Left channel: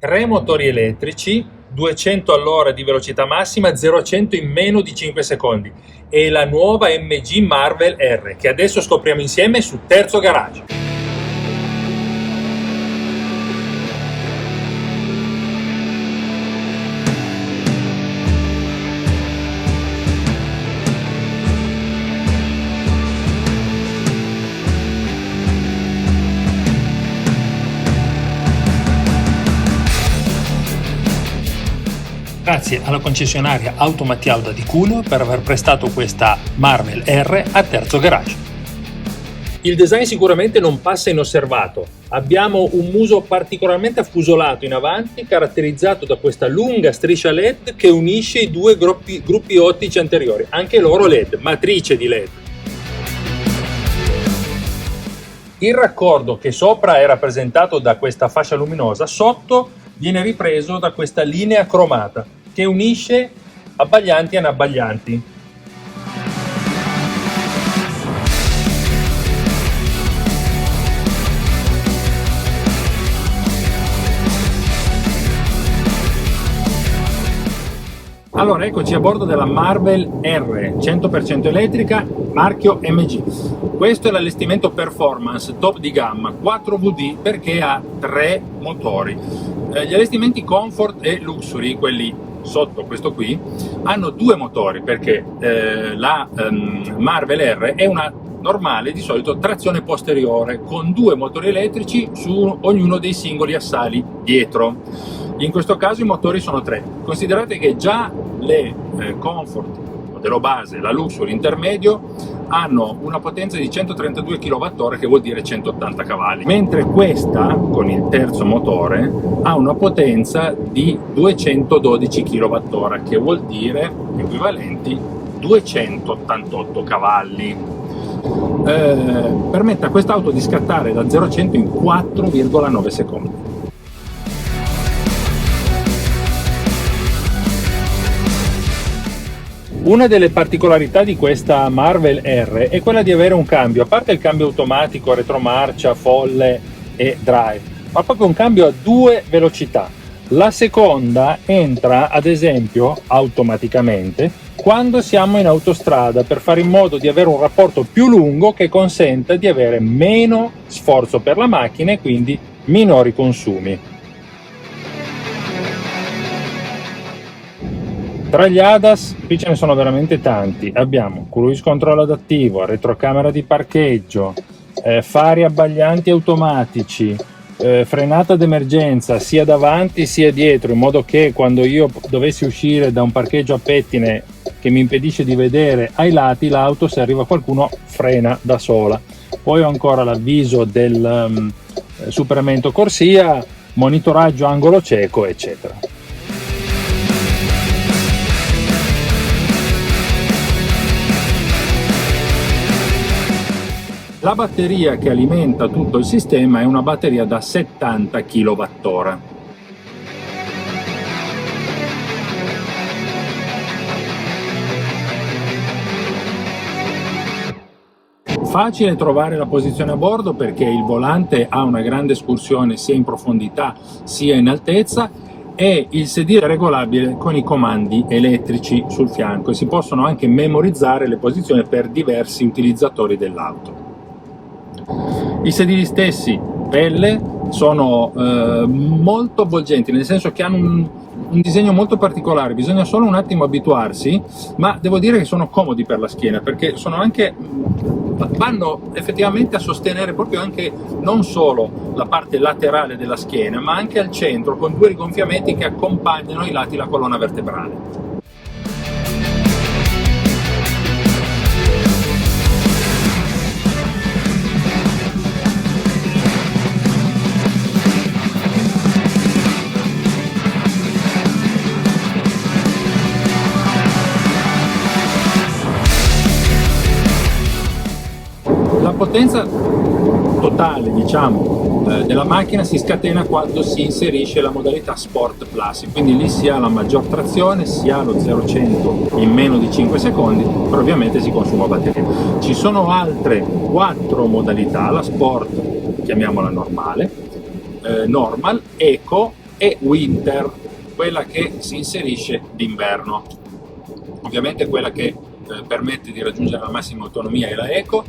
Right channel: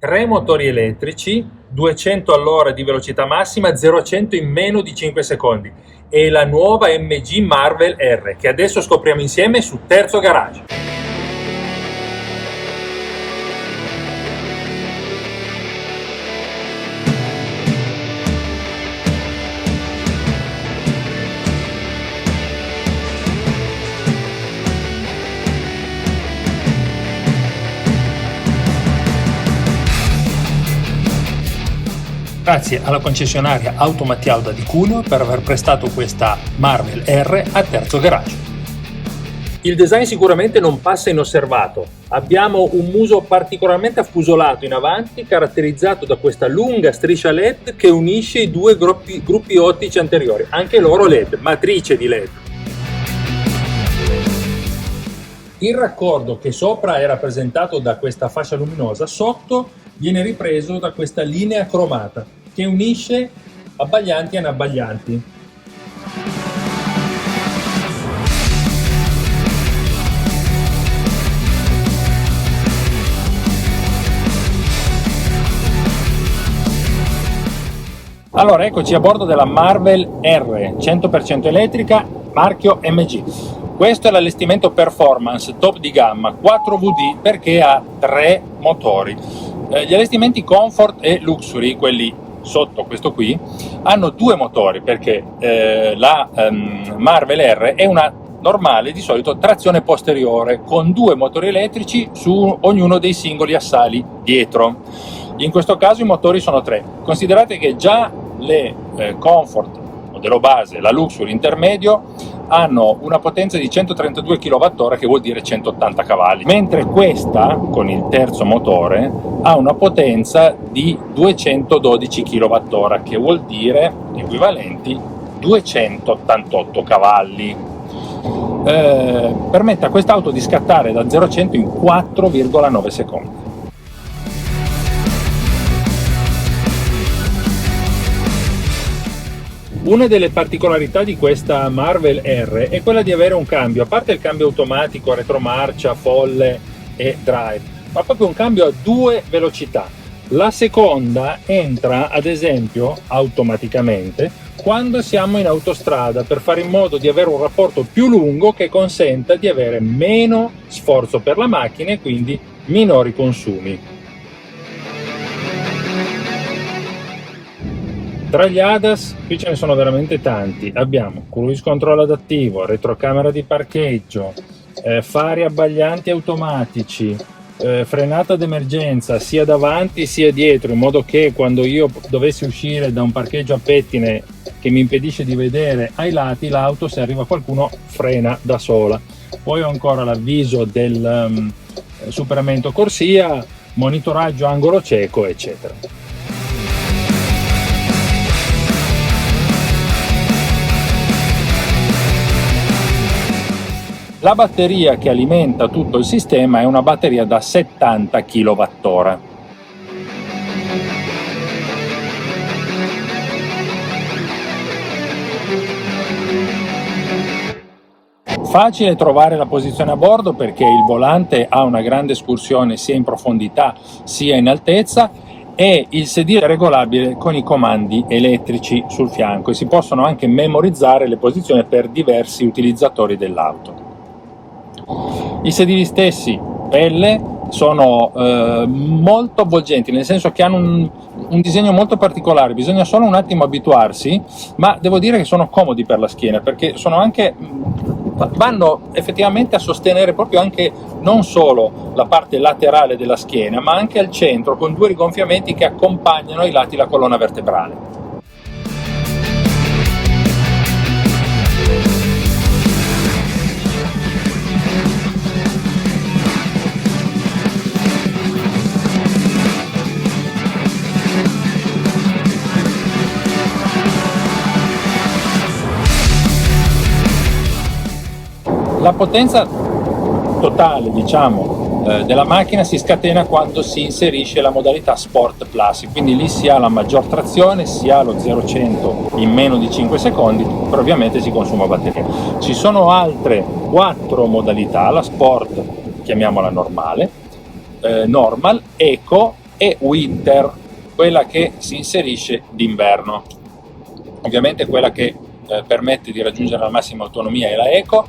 3 motori elettrici, 200 all'ora di velocità massima, 0 a 100 in meno di 5 secondi. E la nuova MG Marvel R, che adesso scopriamo insieme su Terzo Garage. Grazie alla concessionaria Auto Mattialda di Cuneo per aver prestato questa Marvel R a Terzo Garage. Il design sicuramente non passa inosservato. Abbiamo un muso particolarmente affusolato in avanti, caratterizzato da questa lunga striscia LED che unisce i due gruppi ottici anteriori, anche loro LED, matrice di LED. Il raccordo che sopra è rappresentato da questa fascia luminosa, sotto viene ripreso da questa linea cromata che unisce abbaglianti e inabbaglianti. Allora, eccoci a bordo della Marvel R 100% elettrica, marchio MG. Questo è l'allestimento performance top di gamma 4WD perché ha 3 motori. Gli allestimenti Comfort e Luxury, quelli sotto questo qui, hanno 2 motori perché la Marvel R è una normale, di solito trazione posteriore, con 2 motori elettrici su ognuno dei singoli assali dietro. In questo caso i motori sono 3. Considerate che già le Comfort, modello base, la Luxury intermedio, hanno una potenza di 132 kWh, che vuol dire 180 cavalli, mentre questa, con il terzo motore, ha una potenza di 212 kWh, che vuol dire equivalenti 288 cavalli. Permette a quest'auto di scattare da 0 a 100 in 4,9 secondi. Una delle particolarità di questa Marvel R è quella di avere un cambio, a parte il cambio automatico, retromarcia, folle e drive, ma proprio un cambio a 2 velocità. La seconda entra, ad esempio, automaticamente quando siamo in autostrada, per fare in modo di avere un rapporto più lungo che consenta di avere meno sforzo per la macchina e quindi minori consumi. Tra gli ADAS qui ce ne sono veramente tanti. Abbiamo cruise control adattivo, retrocamera di parcheggio, fari abbaglianti automatici, frenata d'emergenza sia davanti sia dietro, in modo che quando io dovessi uscire da un parcheggio a pettine che mi impedisce di vedere ai lati l'auto, se arriva qualcuno frena da sola. Poi ho ancora l'avviso del superamento corsia, monitoraggio angolo cieco, eccetera. La batteria che alimenta tutto il sistema è una batteria da 70 kWh. Facile trovare la posizione a bordo perché il volante ha una grande escursione sia in profondità sia in altezza e il sedile è regolabile con i comandi elettrici sul fianco e si possono anche memorizzare le posizioni per diversi utilizzatori dell'auto. I sedili stessi, pelle, sono molto avvolgenti, nel senso che hanno un disegno molto particolare, bisogna solo un attimo abituarsi, ma devo dire che sono comodi per la schiena perché sono anche, vanno effettivamente a sostenere proprio anche non solo la parte laterale della schiena, ma anche al centro, con 2 rigonfiamenti che accompagnano ai lati la colonna vertebrale. La potenza totale, diciamo, della macchina si scatena quando si inserisce la modalità Sport Plus, quindi lì si ha la maggior trazione, si ha lo 0-100 in meno di 5 secondi, però ovviamente si consuma batteria. Ci sono altre 4 modalità, la Sport, chiamiamola normale, Normal, Eco, e Winter, quella che si inserisce d'inverno. Ovviamente quella che permette di raggiungere la massima autonomia è la Eco.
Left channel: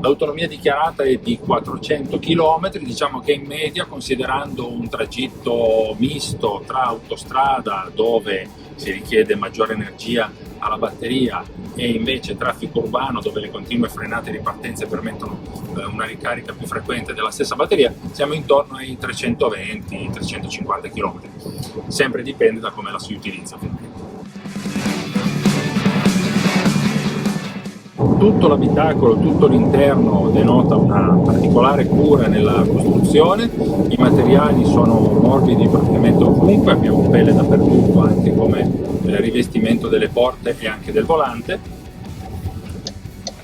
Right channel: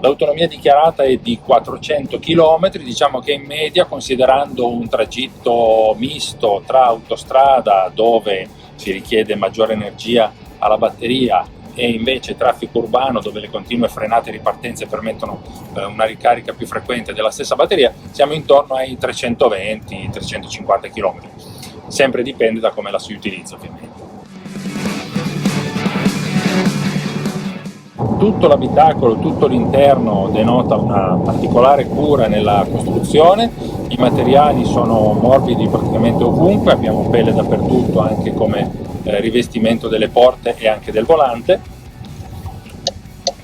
L'autonomia dichiarata è di 400 km, diciamo che in media, considerando un tragitto misto tra autostrada dove si richiede maggiore energia alla batteria e invece traffico urbano dove le continue frenate e ripartenze permettono una ricarica più frequente della stessa batteria, siamo intorno ai 320-350 km. Sempre dipende da come la si utilizza, ovviamente. Tutto l'abitacolo, tutto l'interno denota una particolare cura nella costruzione. I materiali sono morbidi praticamente ovunque, abbiamo pelle dappertutto anche come rivestimento delle porte e anche del volante.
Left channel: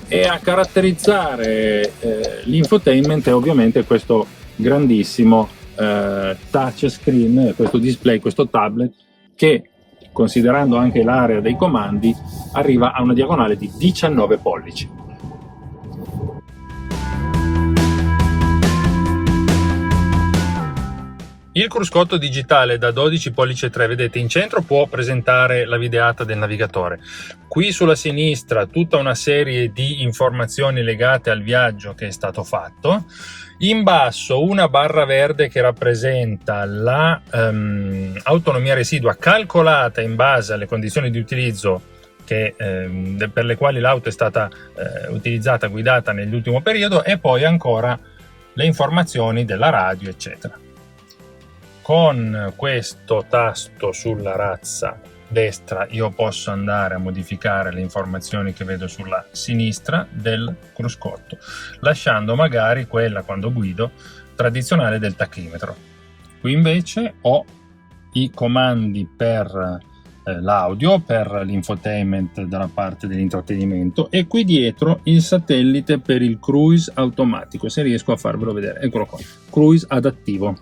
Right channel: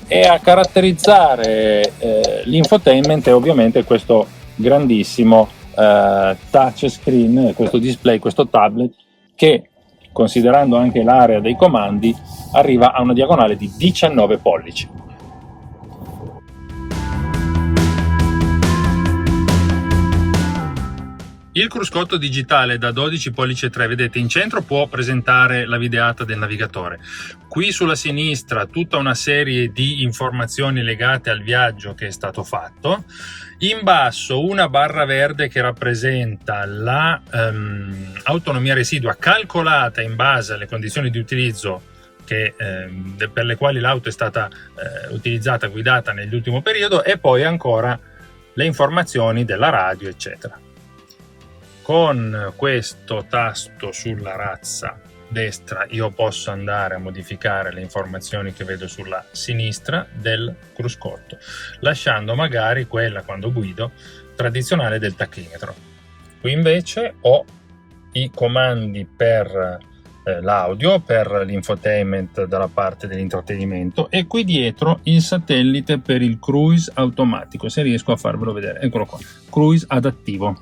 E a caratterizzare l'infotainment è ovviamente questo grandissimo touch screen, questo display, questo tablet che, considerando anche l'area dei comandi, arriva a una diagonale di 19 pollici. Il cruscotto digitale da 12 pollice 3, vedete in centro, può presentare la videata del navigatore. Qui sulla sinistra tutta una serie di informazioni legate al viaggio che è stato fatto. In basso una barra verde che rappresenta la autonomia residua calcolata in base alle condizioni di utilizzo per le quali l'auto è stata utilizzata, guidata nell'ultimo periodo, e poi ancora le informazioni della radio, eccetera. Con questo tasto sulla razza destra io posso andare a modificare le informazioni che vedo sulla sinistra del cruscotto, lasciando magari quella, quando guido, tradizionale del tachimetro. Qui invece ho i comandi per l'audio, per l'infotainment dalla parte dell'intrattenimento, e qui dietro il satellite per il cruise automatico, se riesco a farvelo vedere, eccolo qua, cruise adattivo.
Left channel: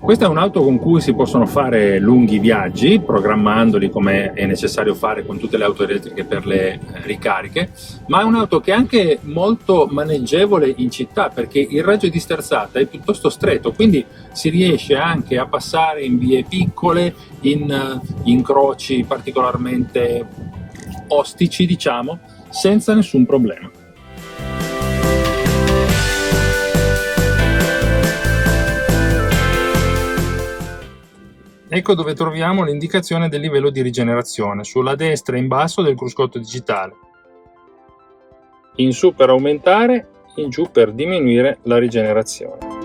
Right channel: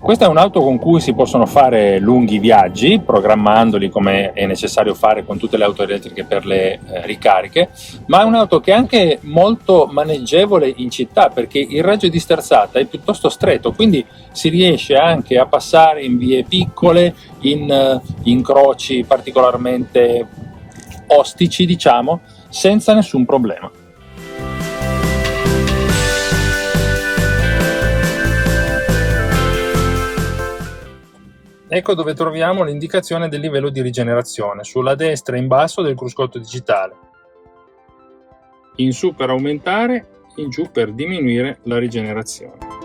Questa è un'auto con cui si possono fare lunghi viaggi, programmandoli come è necessario fare con tutte le auto elettriche per le ricariche, ma è un'auto che è anche molto maneggevole in città, perché il raggio di sterzata è piuttosto stretto, quindi si riesce anche a passare in vie piccole, in incroci particolarmente ostici, diciamo, senza nessun problema. Ecco dove troviamo l'indicazione del livello di rigenerazione, sulla destra in basso del cruscotto digitale. In su per aumentare, in giù per diminuire la rigenerazione.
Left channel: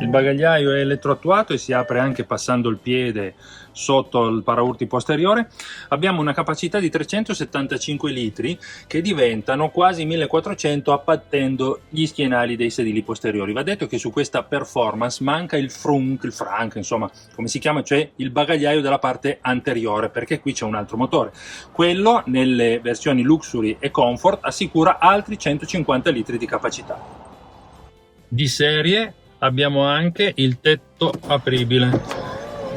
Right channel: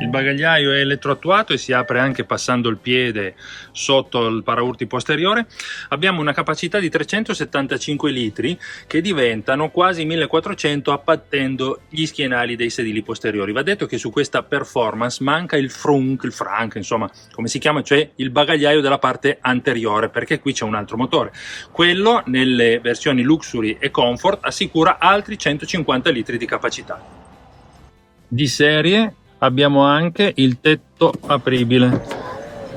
Il bagagliaio è elettroattuato e si apre anche passando il piede sotto il paraurti posteriore. Abbiamo una capacità di 375 litri che diventano quasi 1400 abbattendo gli schienali dei sedili posteriori. Va detto che su questa performance manca il frunk, insomma come si chiama, cioè il bagagliaio della parte anteriore, perché qui c'è un altro motore. Quello nelle versioni Luxury e Comfort assicura altri 150 litri di capacità. Di serie abbiamo anche il tetto apribile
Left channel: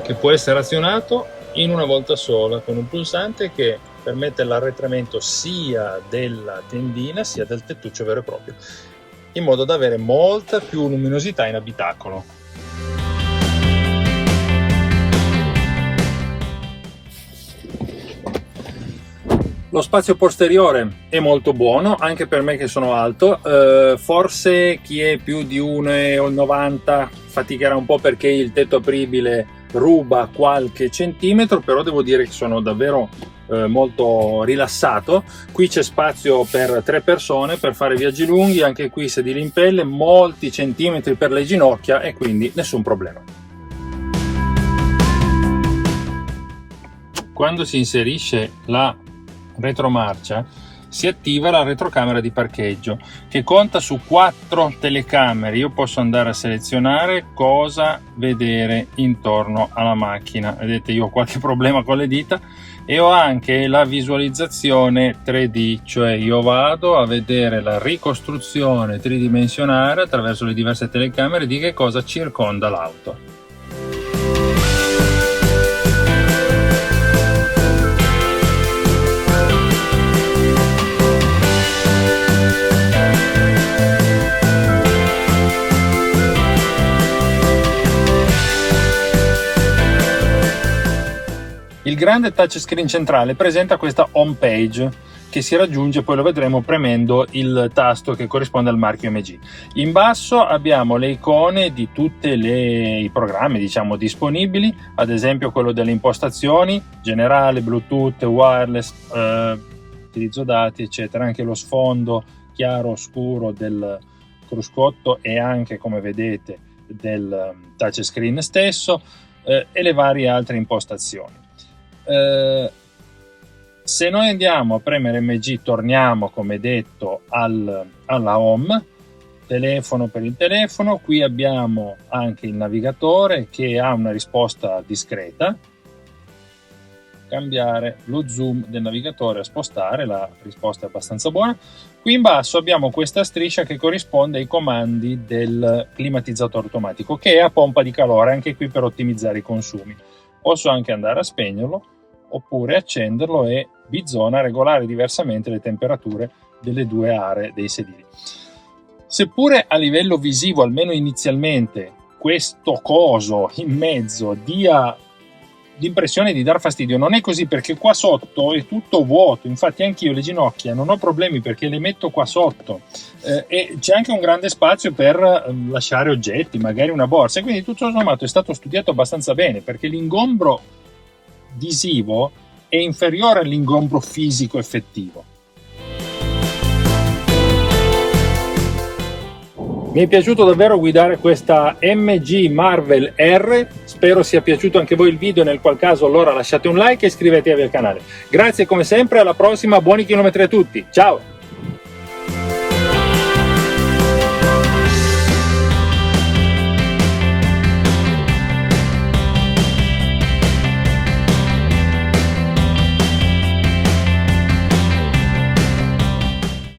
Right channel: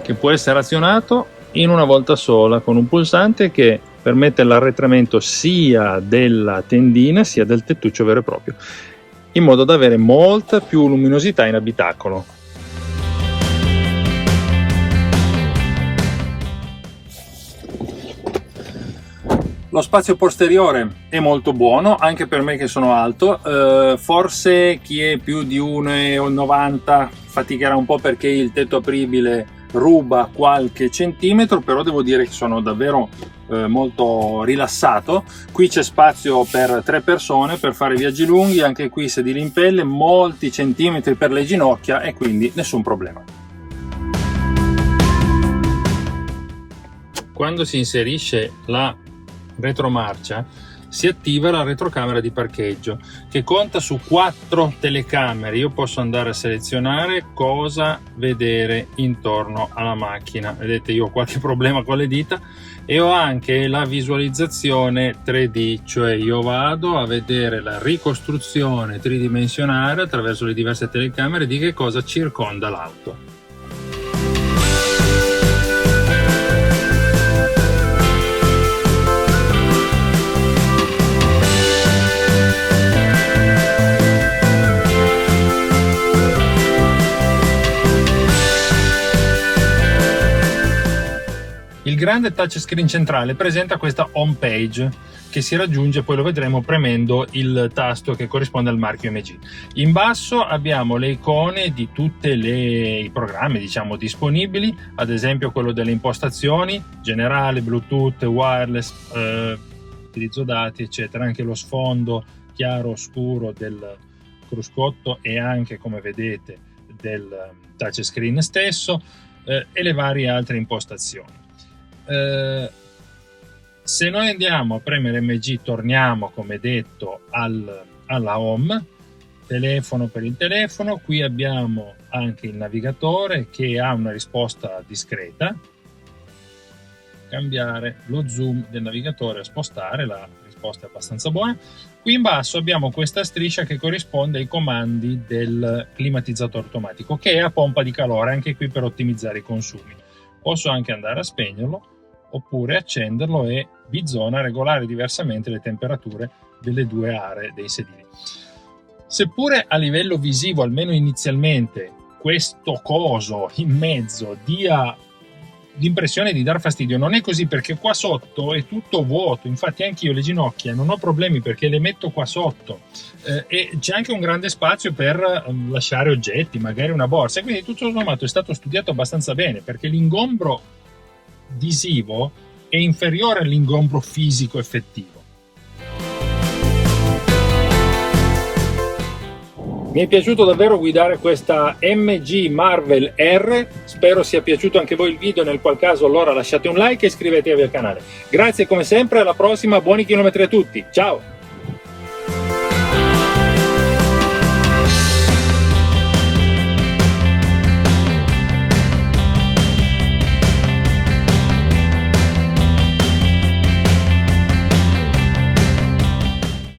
che può essere azionato in una volta sola con un pulsante che permette l'arretramento sia della tendina sia del tettuccio vero e proprio, in modo da avere molta più luminosità in abitacolo. Lo spazio posteriore è molto buono, anche per me che sono alto. Forse chi è più di 1,90 faticherà un po' perché il tetto apribile ruba qualche centimetro, però devo dire che sono davvero molto rilassato. Qui c'è spazio per 3 persone per fare viaggi lunghi, anche qui sedili in pelle, molti centimetri per le ginocchia e quindi nessun problema. Quando si inserisce la retromarcia si attiva la retrocamera di parcheggio, che conta su 4 telecamere. Io posso andare a selezionare cosa vedere intorno alla macchina. Vedete, io ho qualche problema con le dita, e ho anche la visualizzazione 3D, cioè io vado a vedere la ricostruzione tridimensionale attraverso le diverse telecamere di che cosa circonda l'auto. Il grande touchscreen centrale presenta questa home page che si raggiunge, poi lo vedremo, premendo il tasto che corrisponde al marchio MG. In basso abbiamo le icone di tutti i programmi, diciamo, disponibili, ad esempio quello delle impostazioni, generale, Bluetooth, wireless, utilizzo dati, eccetera, anche lo sfondo chiaro scuro del cruscotto e anche, come vedete, del touchscreen stesso, e le varie altre impostazioni. Se noi andiamo a premere MG, torniamo, come detto, alla home, telefono per il telefono. Qui abbiamo anche il navigatore che ha una risposta discreta. Cambiare lo zoom del navigatore a spostare, la risposta è abbastanza buona. Qui in basso abbiamo questa striscia che corrisponde ai comandi del climatizzatore automatico, che è a pompa di calore, anche qui per ottimizzare i consumi. Posso anche andare a spegnerlo oppure accenderlo e bizona regolare diversamente le temperature delle due aree dei sedili. Seppure a livello visivo, almeno inizialmente, questo coso in mezzo dia l'impressione di dar fastidio, non è così, perché qua sotto è tutto vuoto. Infatti anch'io le ginocchia non ho problemi perché le metto qua sotto, e c'è anche un grande spazio per lasciare oggetti, magari una borsa, e quindi tutto sommato è stato studiato abbastanza bene, perché l'ingombro visivo è inferiore all'ingombro fisico effettivo. Mi è piaciuto davvero guidare questa MG Marvel R, spero sia piaciuto anche voi il video, nel qual caso allora lasciate un like e iscrivetevi al canale. Grazie come sempre, alla prossima, buoni chilometri a tutti, ciao!